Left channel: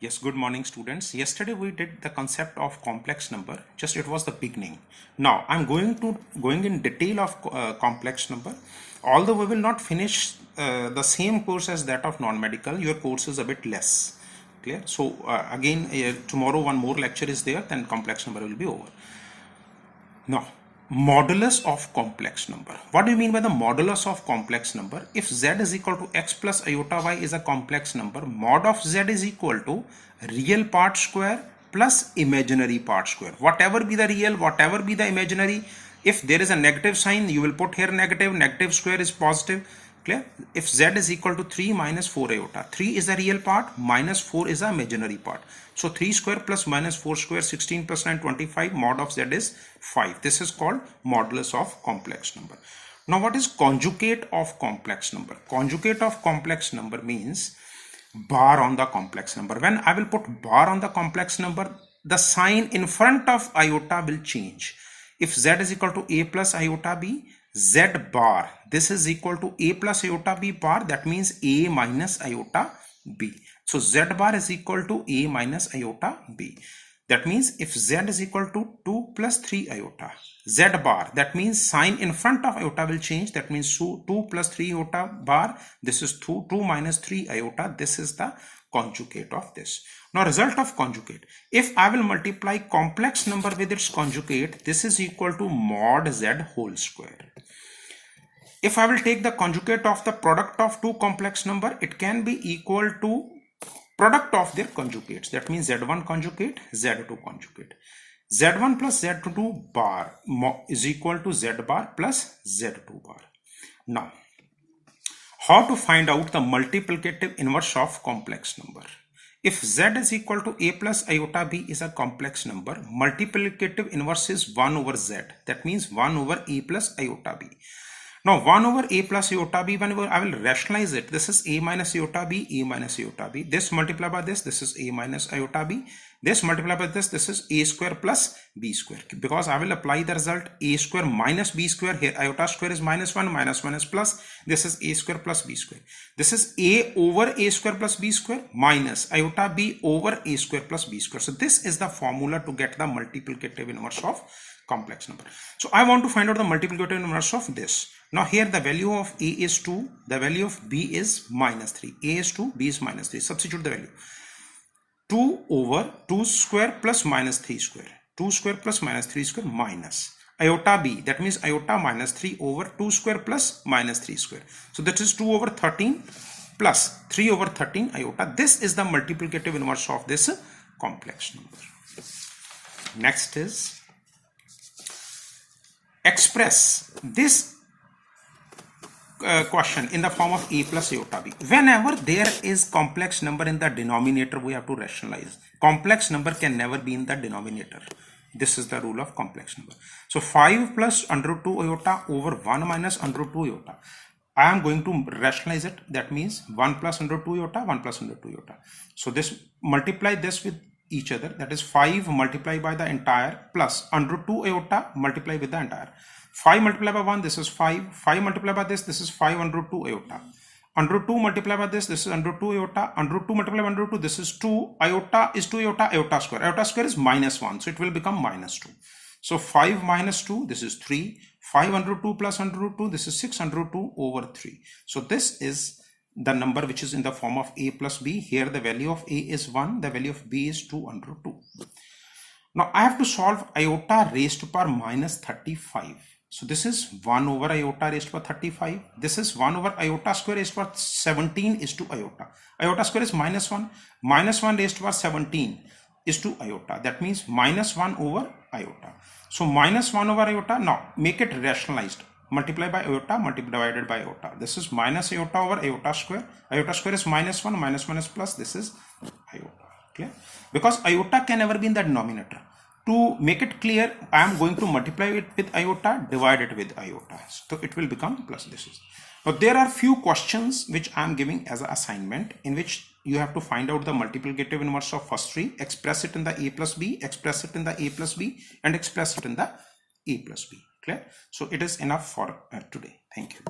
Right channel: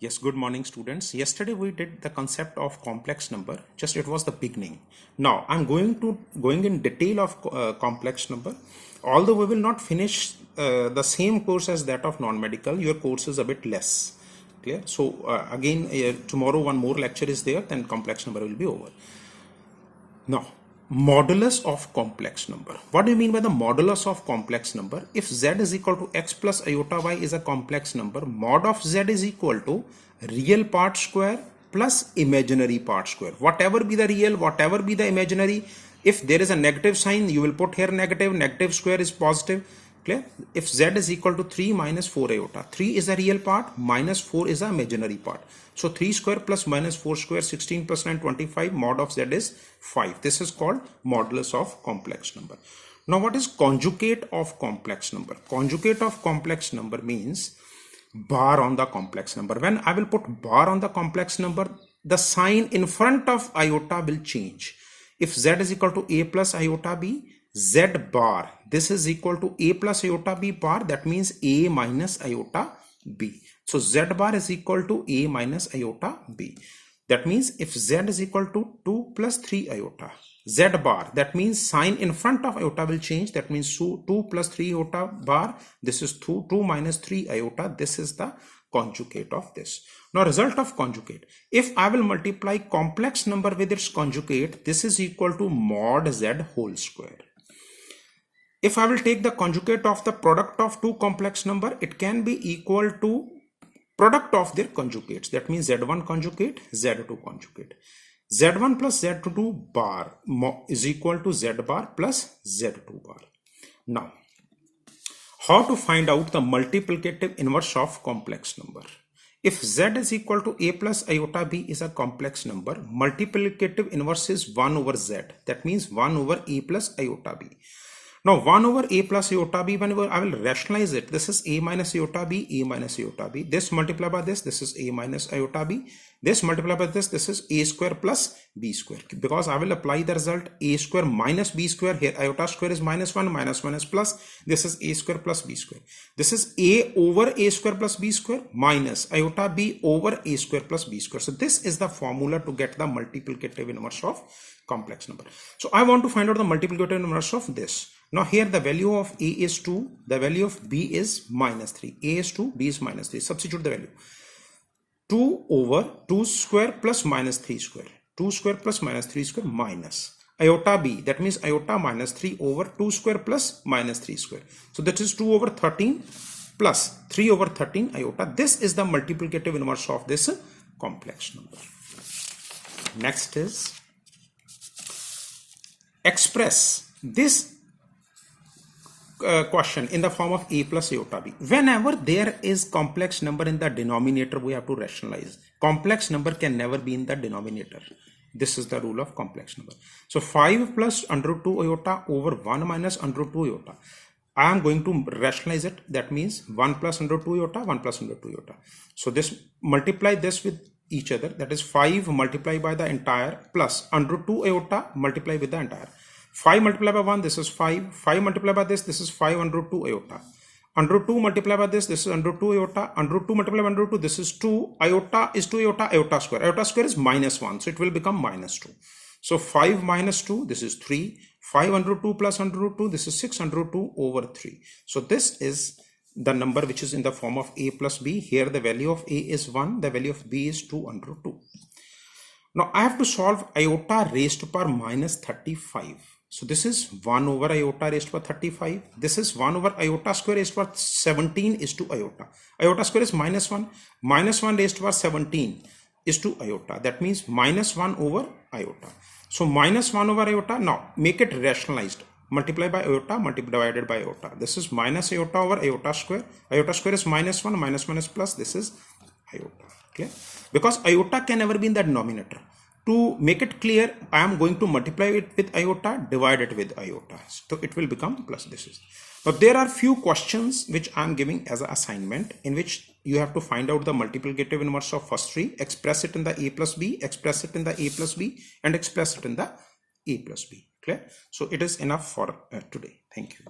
Yes, good morning students. Yesterday we did the concept of complex number. Just it was the beginning. Now I'm going in detail of complex number. Although we will not finish the same course as that of non-medical, your course is a bit less. Clear? So again tomorrow one more lecture is there, then complex number will be over. Now, modulus of complex number. What do you mean by the modulus of complex number? If z is equal to x plus iota y is a complex number, mod of z is equal to real part square plus imaginary part square. Whatever be the real, whatever be the imaginary, if there is a negative sign, you will put here negative, negative square is positive. Clear? If z is equal to 3 minus 4 iota, 3 is the real part, minus 4 is the imaginary part. So 3 square plus minus 4 square, 16 plus 9, 25, mod of z is 5. This is called modulus of complex number. Now what is conjugate of complex number? Conjugate of complex number means bar on the complex number. When I will put bar on the complex number, the sign in front of iota will change. If z is equal to a plus iota b, z bar, this is equal to a plus iota b bar, that means a minus iota b. So z bar is equal to a minus iota b. That means if z is equal to 2 plus 3 iota, z bar, that means sign in front of iota will change. That means 2 plus 3 iota bar, this is 2 minus 3 iota. This is the conjugate of this. Now result of conjugate. If I will multiply complex number with its conjugate, this is equal to mod z whole square. If I will take the conjugate of the product of two complex number, it can be equal to product of their conjugates. That means z1 conjugate, z2 conjugate. z1 plus z2 bar is equal to z bar plus z2 bar. Now, how to find out the multiplicative inverse of complex number? If z is equal to a plus iota b is a complex number, multiplicative inverse is 1 over z. That means 1 over a plus iota b. Now 1 over a plus iota b, whenever I will rationalize it, this is a minus iota b, a minus iota b. This multiplied by this is a minus iota b. This multiplied by this is a square plus b square. Because I will apply the result a square minus b square. Here iota square is minus 1, minus 1 is plus. This is a square plus b square. This is a over a square plus b square minus iota b over a square plus b square. So this is the formula to get the multiplicative inverse of complex number. So I want to find out the multiplicative inverse of this. Now here the value of a is 2, the value of b is minus 3. A is 2, b is minus 3. Substitute the value. 2 over 2 square plus minus 3 square. 2 square plus minus 3 square minus iota b. That means iota minus 3 over 2 square plus minus 3 square. So that is 2 over 13 plus 3 over 13 iota. This is the multiplicative inverse of this complex number. Next is express this question in the form of a plus iota b. Whenever there is complex number in the denominator, we have to rationalize. Complex number can never be in the denominator. This is the rule of complex number. So 5 plus under root 2 iota over 1 minus under root 2 iota. I am going to rationalize it. That means 1 plus under root 2 iota, 1 plus under root 2 iota. So this multiply this with each other. That is 5 multiplied by the entire plus under root 2 iota multiply with the entire. 5 multiplied by 1, this is 5. 5 multiplied by this is 5 under root 2 iota. Under root 2 multiplied by this is under root 2 iota. Under root 2 multiplied by under root 2, this is 2. Iota is 2 iota, iota square. Iota square is minus 1, so it will become minus 2. So 5 minus 2, this is 3. 5 under root 2 plus under root 2, this is 6 under root 2 over 3. So this is the number which is in the form of a plus b. Here the value of a is 1, the value of b is 2 under root 2. Now I have to solve iota raised to power minus 35. So this is 1 over iota raised to power 35. This is 1 over iota square raised to power 17 is to iota. Iota square is minus 1. Minus 1 raised to power 17 is to iota. That means minus 1 over iota. So minus 1 over iota. Now make it rationalized. Multiply by iota, divided by iota. This is minus iota over iota square. Iota square is minus 1. Minus 1 is plus. This is iota. Okay? Because iota can never be in the denominator. To make it clear, I am going to multiply it with iota, divide it with iota. So it will become plus this is. But there are few questions which I am giving as an assignment in which you have to find out the multiplicative inverse of first three, express it in the a plus b, express it in the a plus b, and express it in the a plus b. Clear? So it is enough for today. Thank you.